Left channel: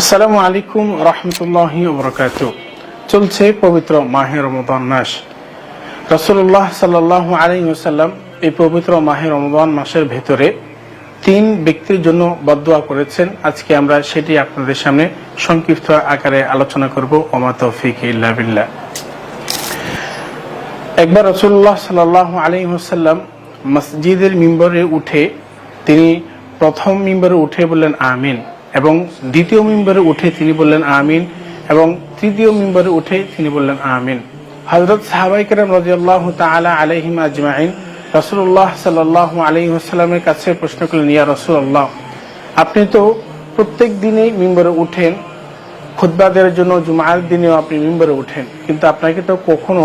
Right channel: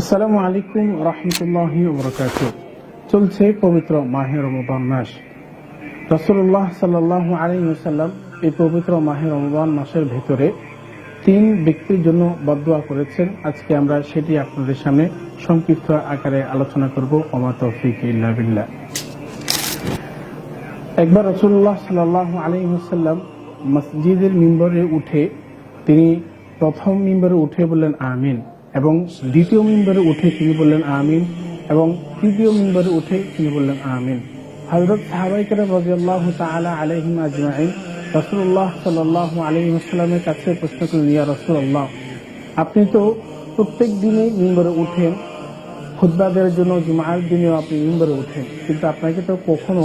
আসসালামু আলাইকুম রহমতুল্লাহ বরকাত। চলছে পবিত্র মাহে রমদান মাস। রসুল্লাহ সাল্লাহ আলী ওসাল্লাম এই পবিত্র মাহে রমদান মাসের ভেতরে তিন ব্যক্তির জন্য বদোয়া করেছেন। আজকে আমরা সেটি আপনাদের সামনে সংক্ষিপ্ত আকারে আলোচনা করব। ওমা তৌফিক ইল্লা বিল্লাহ। একবার রসুল্লাহ সাল্লাহ আলী ওসাল্লাম মসজিদের মিম্বরে উঠে তিনি প্রথম মিম্বরে উঠে বললেন, আমিন। এবং দ্বিতীয় মিম্বরে উঠে তিনি বললেন আমিন এবং তৃতীয় মিম্বরে উঠে তিনি বললেন আমিন। হজরত সাহাবাই কেরাম রাজিয়াল্লাহ তালা আলহিম আজমাইন রসুল্লাহ সাল্লাহ আলহি আসসালামের কাছে প্রশ্ন করলেন, ইয়া রসুল্লাহ আপনি তো প্রত্যেক দিনেই মিম্বরে উঠেন খুদ্া দেওয়ার জন্য, জুমার দিনেও আপনি মিম্বরে উঠেন, কিন্তু আপনাকে তো কখনো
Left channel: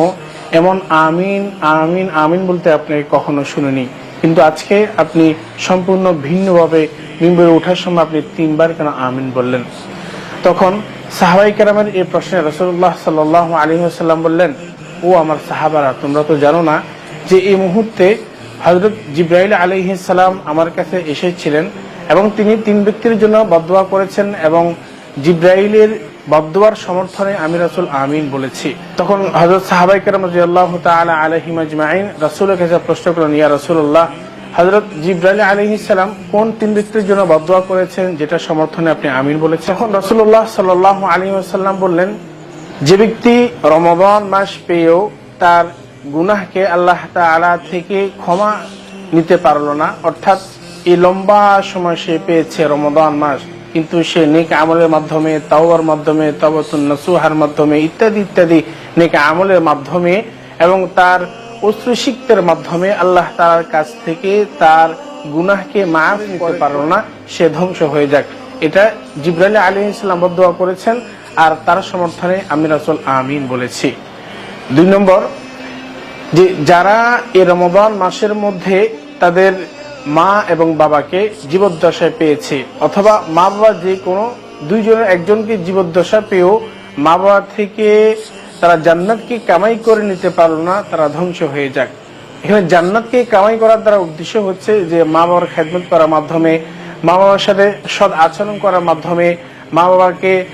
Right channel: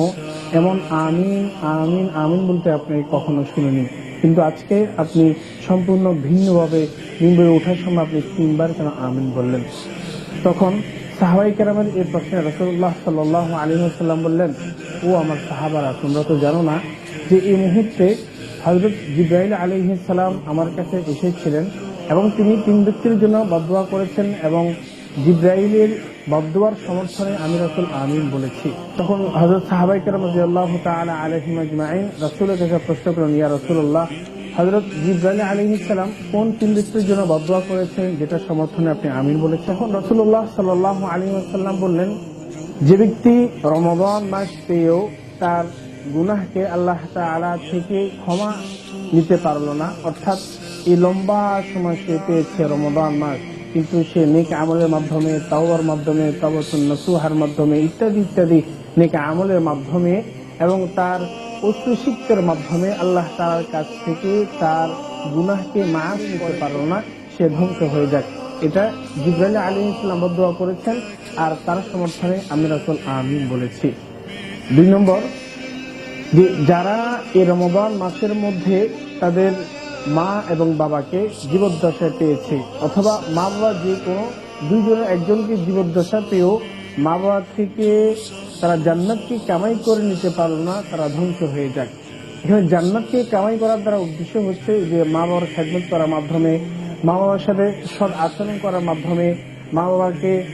এমন আমিন আমিন আমিন বলতে আপনাকে কখনো শুনেনি কিন্তু আজকে আপনি সম্পূর্ণ ভিন্নভাবে মিম্বরে ওঠার সময় আপনি তিনবার কেন আমিন বললেন? তখন সাহাবাই কেরামের এই প্রশ্নে রসুল্লাহ সাল আলী সাল্লাম বললেন, ও আমার সাহাবারা, তোমরা তো জানো না যে এই মুহূর্তে হজরত জিব্রাইল আলহিসাল্লাম আমার কাছে এসেছিলেন এবং তিনি তিন ব্যক্তির জন্য বদোয়া করেছেন এবং জিব্রাইলের বদোয়ার সমর্থনে আমি রাসুল আমিন বলেছি। তখন হজরত সাহাবাই কেরাম রাজিয়াল্লাহ রাসুলের কাছে প্রশ্ন করলেন, ইয়া রসুল্লাহ হজরত জিব্রাইল আলহিসাল্লাম কোন তিন ব্যক্তির জন্য বদোয়া করেছেন যেটা সমর্থনে আপনি আমিন বলেছেন? তখন রসুল্লাহ সাল্লাহ আলী আসাল্লাম বললেন, যে ব্যক্তি রমদান মাস পেয়েও তার গুনাহকে আল্লাহ তালা থেকে ক্ষমা নিতে পারল না, অর্থাৎ এই লম্বা সময় সে পেয়েছে রমদান মাস কিন্তু সে নেক আমলের মাধ্যমে তাওয়ার মাধ্যমে তাওয়াতুন নসুহার মাধ্যমে ইত্যাদি ইত্যাদি নেক আমলের মাধ্যমে এবং তার অশ্রুসিক্তের মাধ্যমে আল্লাহ তালার কাছ থেকে তার গুনাহকে মাফ করতে পারল না, সে ধ্বংস হয়ে যাক। এটা জিব্রাইল আলী ইসলাম বদোয়া করেছেন আর তার সমর্থনে আমি রাসুল আমিন বলেছি। দুই নম্বর, যে যারা এ রমদান মাসের মধ্যে তাদের মা এবং বাবাকে জীবদ্দশায় পেয়েছে। অথবা মা বাবা যে কোনো দুইজনের একজনকে জীবদ্দশা পেয়েও মা বাবা থেকে তারা জান্নাতকে কামাই করে নিতে পারল না, তারা ধ্বংস হয়ে যাক। এখানে জান্নাতকে কামাই করার দ্বারা উদ্দেশ্য হচ্ছে যে মা বাবার খেদমত করার মাধ্যমে, মা বাবার সাথে সৎ আচরণ করার মাধ্যমে, মা বাবাকে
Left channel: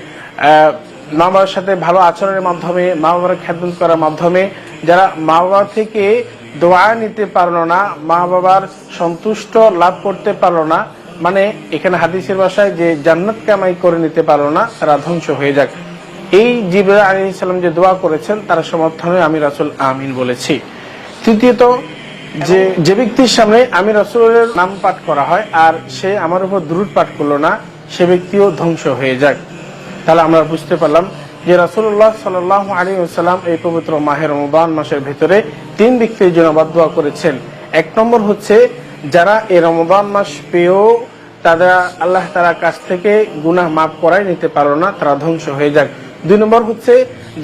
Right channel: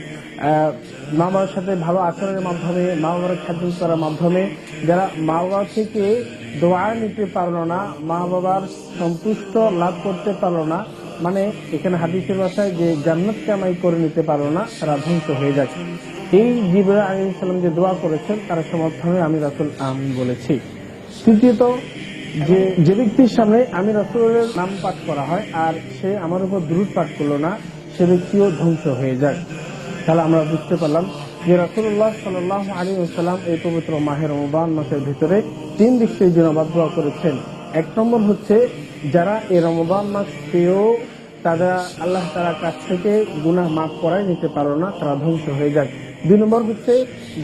মা বাবার সাথে ভালো আচরণের মাধ্যমে, মা বাবার খেদমত করার মাধ্যমে, যারা মা বাবা থেকে দোয়া নিতে পারল না, মা বাবার সন্তুষ্ট লাভ করতে পারল না। মানে এখানে হাদিসের বাসায় যে জান্নাত কামাই করে নিতে পারল না, তারা ধ্বংস হয়ে যাক। এই জিবরা আলী ইসলাম যে দোয়া করেছেন, তার সমর্থনে আমি রাসুল আমিন বলেছি। তৃতীয়ত, যে যে ব্যক্তির সামনে আমি রাসুলের নাম পাঠ করা হয় আর সে আমার উপর দ্রুত পাঠ করল না, সে ব্যক্তিও ধ্বংস হয়ে যাক। তাহলে আমরা বুঝতে পারলাম যে রাসুল্লাহ সাল আলী সাল্লাম এই পবিত্র মাহের রমবান মাসের ভিতরে তিন ব্যক্তির জন্য বাদোয়া করেছেন। এক নম্বর হচ্ছে, যারা এই রমবান মাস পেয়েও তারা আল্লাহ তারা কাছ থেকে গুনাহ মাফ করাই নিতে পারো না, তারা ধ্বংস হয়ে যাক। দুই নম্বর হচ্ছে,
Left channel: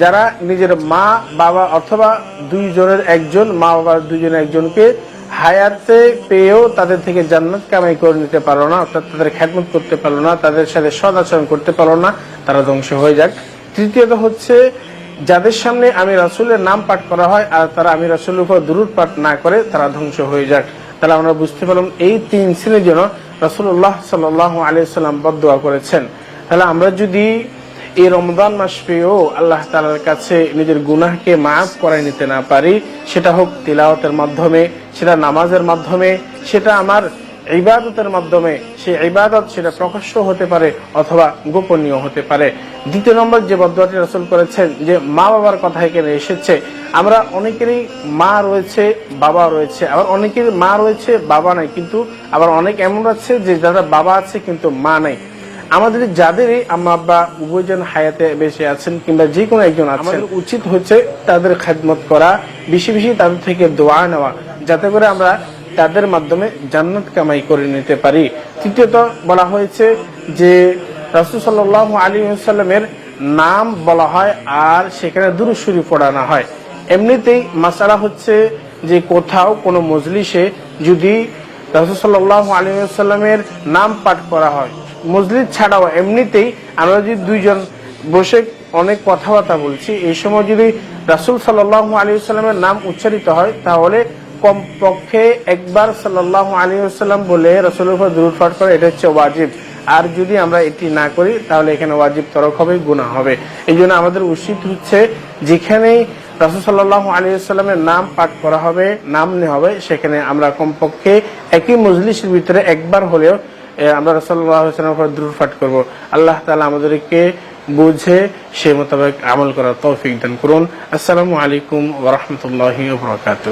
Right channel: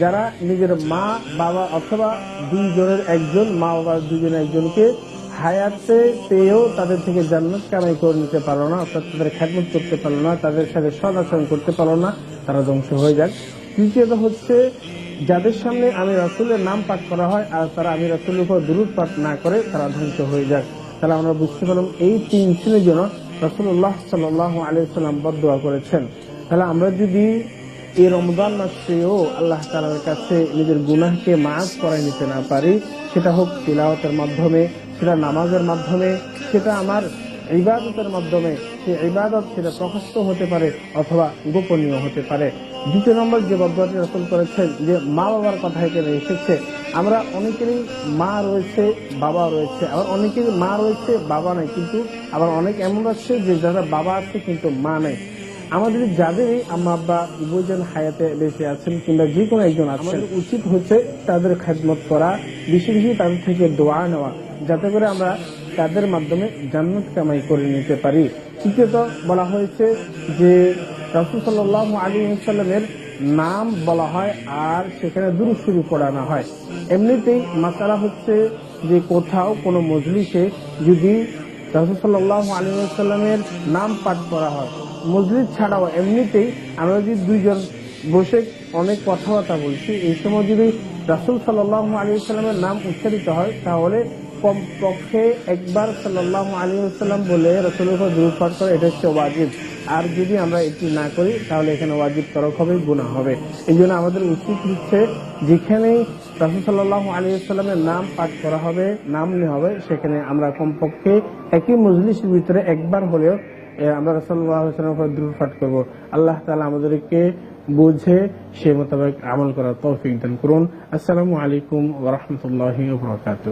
যারা নিজের মা, বাবা অথবা দুইজনের একজন, মা বাবার দুইজনের একজনকে হায়াতে পেয়েও তাদের থেকে জান্নাত কামাই করে নিতে পারল না, অর্থাৎ তাদের খ্যাতমত করতে পারল না, তাদের সাথে সদাচরণ করতে পারল না, তারা ধ্বংস হয়ে যাক। তৃতীয়ত হচ্ছে, যাদের সামনে আমি রাসুলের নাম পাঠ করা হয় আর তারা আমি রাসুলের উপর দূরত পাঠ না করে তারা ধ্বংস হয়ে যাক তাহলে আমরা বুঝতে পারলাম এই তিন শ্রেণির জন্য রাসুল্লাহ সাল আলিয়া সাল্লাম বদোয়া করেছেন। তাহলে আমরা যদি এই রমদান মাস পেয়েও আল্লাহ তালার কাছে নিজের গুনাহকে মাফ করাই নিতে না পারি, সেটা হোক তিলাওয়াতের মাধ্যমে, সেটা নামাজের মাধ্যমে, সেটা আমার ইবাদতের মাধ্যমে সেই ইবাদত সেটা প্রকাশ্য হতে পারে অথবা গোপনীয় হতে পারে। দ্বিতীয় নম্বর যে বদুয়াটি রসল করেছেন যে মা বাবার কথা এখানে এসেছে আমরা অনেকেরই মা রয়েছে বাবা রয়েছে। আবার অনেকের মা রয়েছে বাবা নাই কিন্তু আবার অনেক এমন আছে যে যারা বাবা আছে কিন্তু মা নাই। আমাদের যাদেরই আম্মা আব্বা উভয়জন হায়াতে বেশি আছেন কিংবা যে কোনো একজন আছেন উচিত হচ্ছে তাদের খেদমত করা বেশি বেশি তাদের থেকে দোয়া নেওয়া যাতে করে আমরা তাদের মাধ্যমে জান্নাত কামাই করে নিতে পারি। তৃতীয়ত বলা হয়েছে যে, রাসুল সাল্লাহ আলী সাল্লামের নাম বলা হয় আর সেখানে দুরুসুরি পড়ানো হয়। এমনিতেই মাসালা হচ্ছে যে, কোথাও কোনো মজলিসে যদি রাসুল সাল্লাহ আলী সাল্লামের নাম পাঠ করা হয় মসজিদ ছাড়াও এমনিতেই আমরা যদি দুইজন বসে অনেক কথাবার্তা বলছি, এই সময় যদি রাসুল সাল্লাহ আলী সাল্লামের নাম উচ্চারিত হয়, তাহলে কমপক্ষে একবার সাল্লাহ আলী সাল্লাম বলে রাসুলের দূর পাঠ করে, এটা হচ্ছে ওয়াজিব। আর যদি আমরা এটি না করি, তাহলে এখানে ওয়াজিব তরক হবে গুণা হবে। এই জন্য আমাদের উচিত হচ্ছে যেখানেই রাসুল সাল্লাহ আলিয়াল্লামের নাম পাঠ করা হবে, নাম নেওয়া হবে, সেখানে আমরা কমপক্ষে একই মজলিসের ভিতরে একবার হলেও আমরা রসল্লাহামের উপর দূর পাঠ করব। আল্লাহ তালা আমাদেরকে বুঝে সে মোতাবেক আমল করার তৌফিক দান করুন। আসসালামু আলাইকুম ওরহমতুল্লাহি বরকাত